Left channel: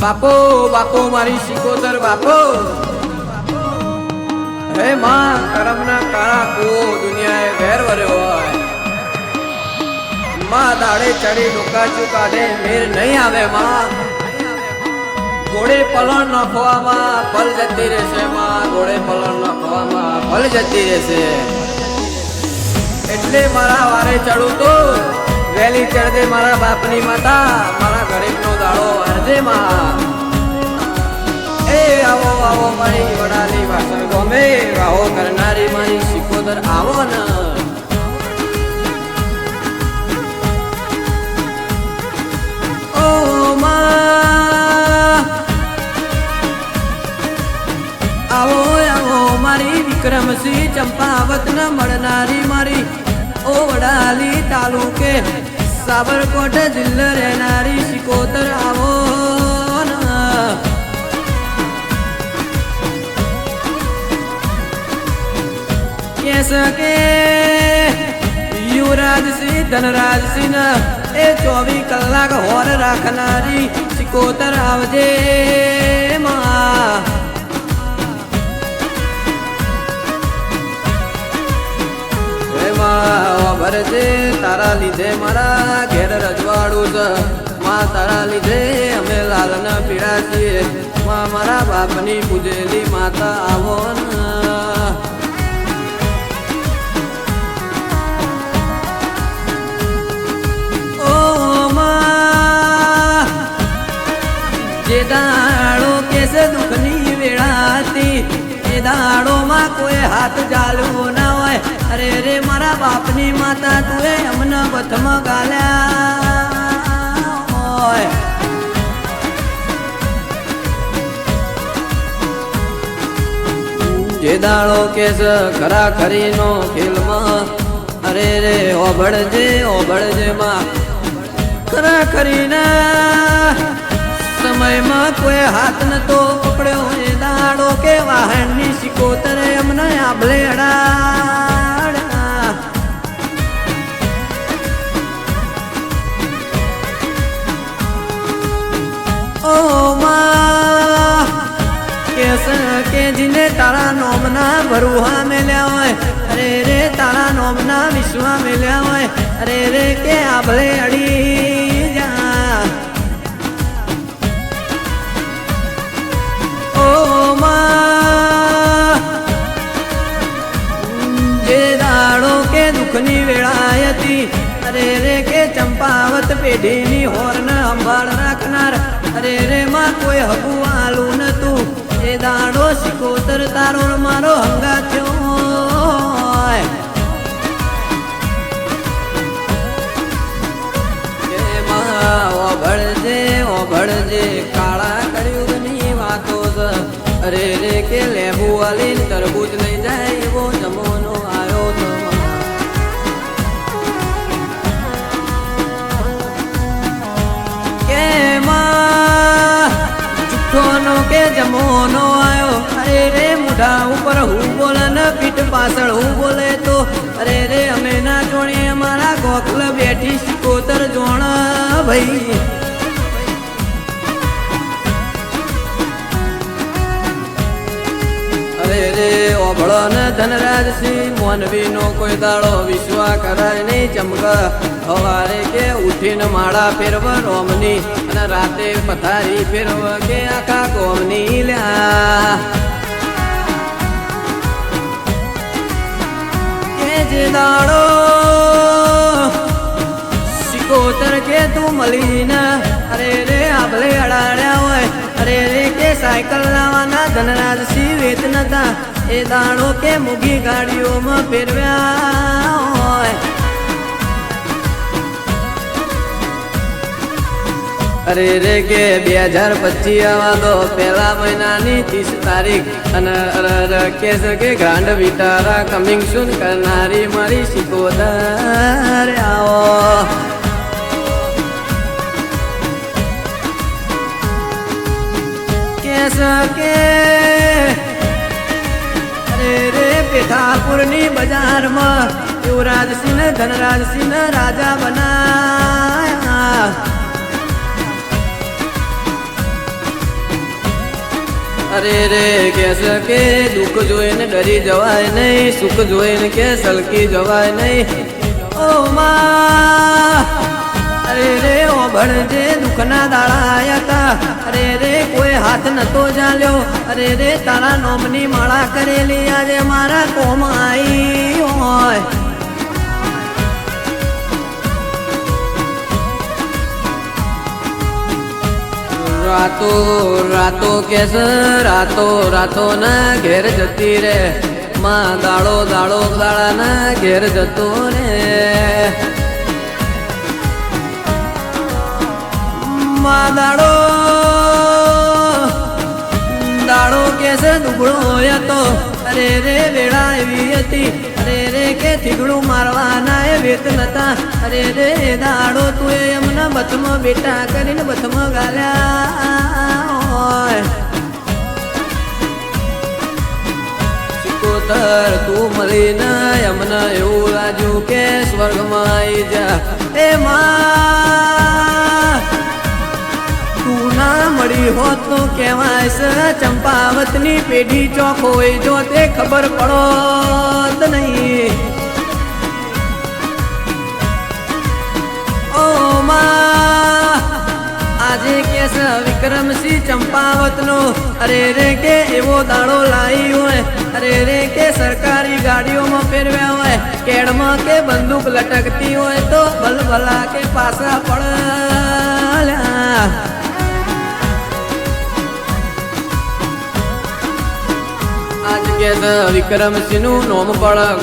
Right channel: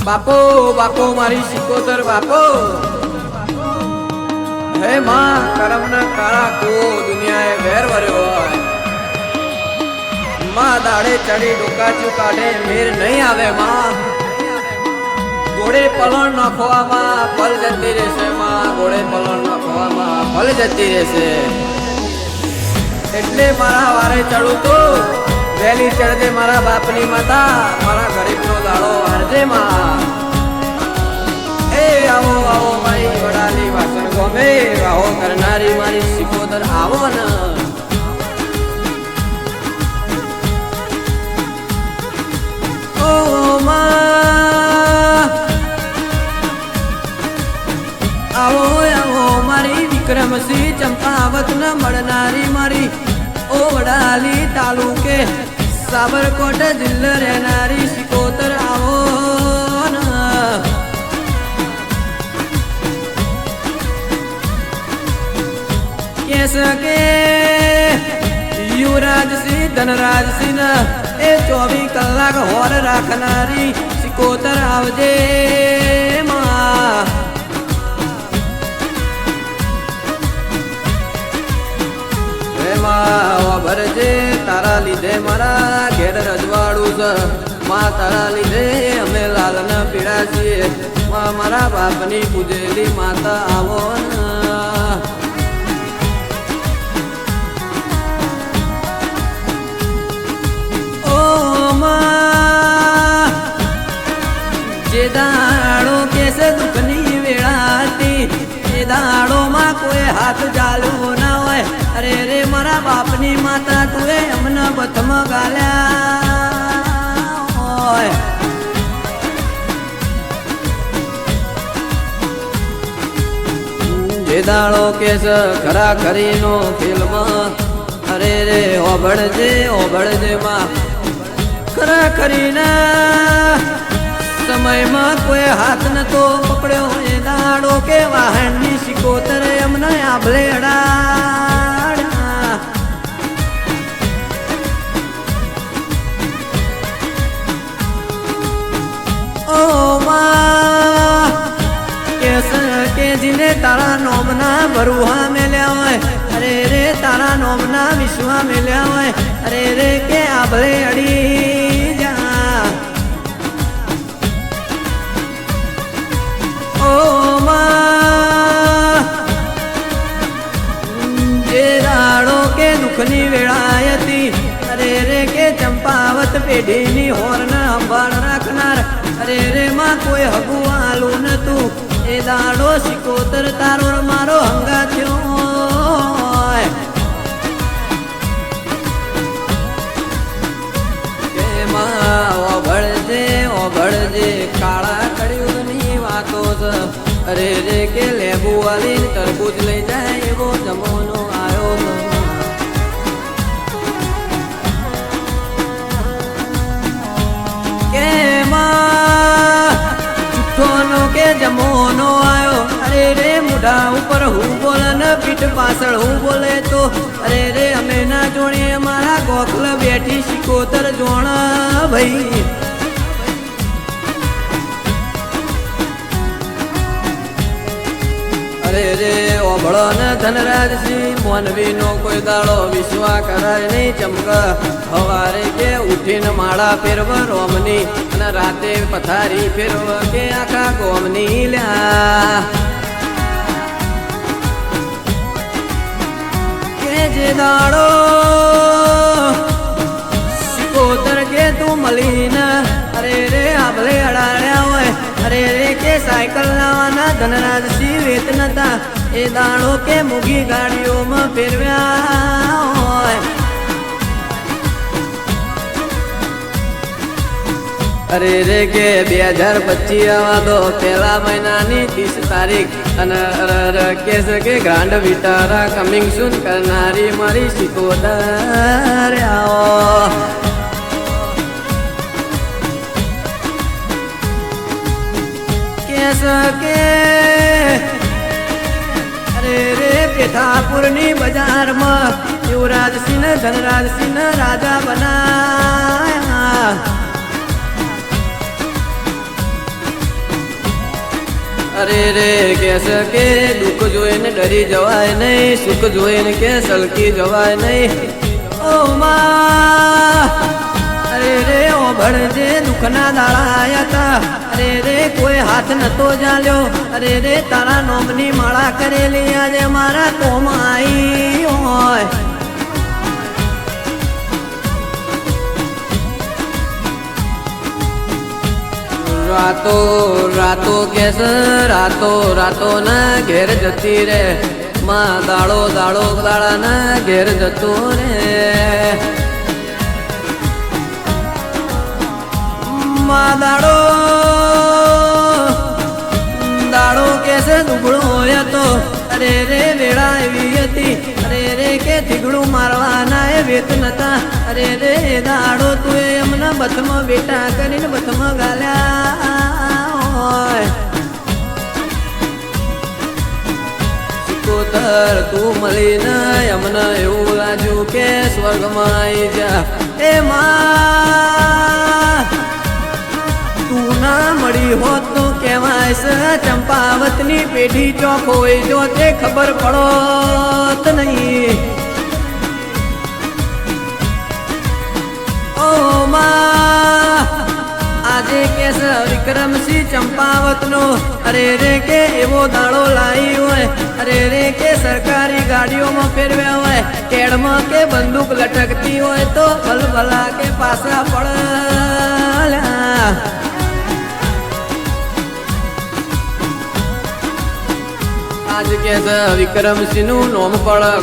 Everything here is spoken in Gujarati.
બાપો બાપો, મારી શિકોદર બાપો. હે માં ઘોડે પલણ નાખવામાં ભલ જતી રહેશે ચડું તો ઘરા ઘરીનો ફિલ્મ અરે રે ઓભળજે ઓભળજે. અરે રે કે બે હજાર પચીસ આવા તો પહેલા મહિના શકે દુઃખ જોઈને ડરી જવાય નહીં, સુખ જોઈને કે સલકી જવાય નહીં. ઓ રે, ઓ ભણતે દુઃખના લાયકા અરે રે, કોઈ હાથ નતો ચાલ્યો અરે રે, તારા નોમની મળા કરેલી અરે મારા કોમ આવી હોય રાતો રાતો કે રાતો રાતો ના ઘેર જતી રે. માં ગાળો sevsin onu parlar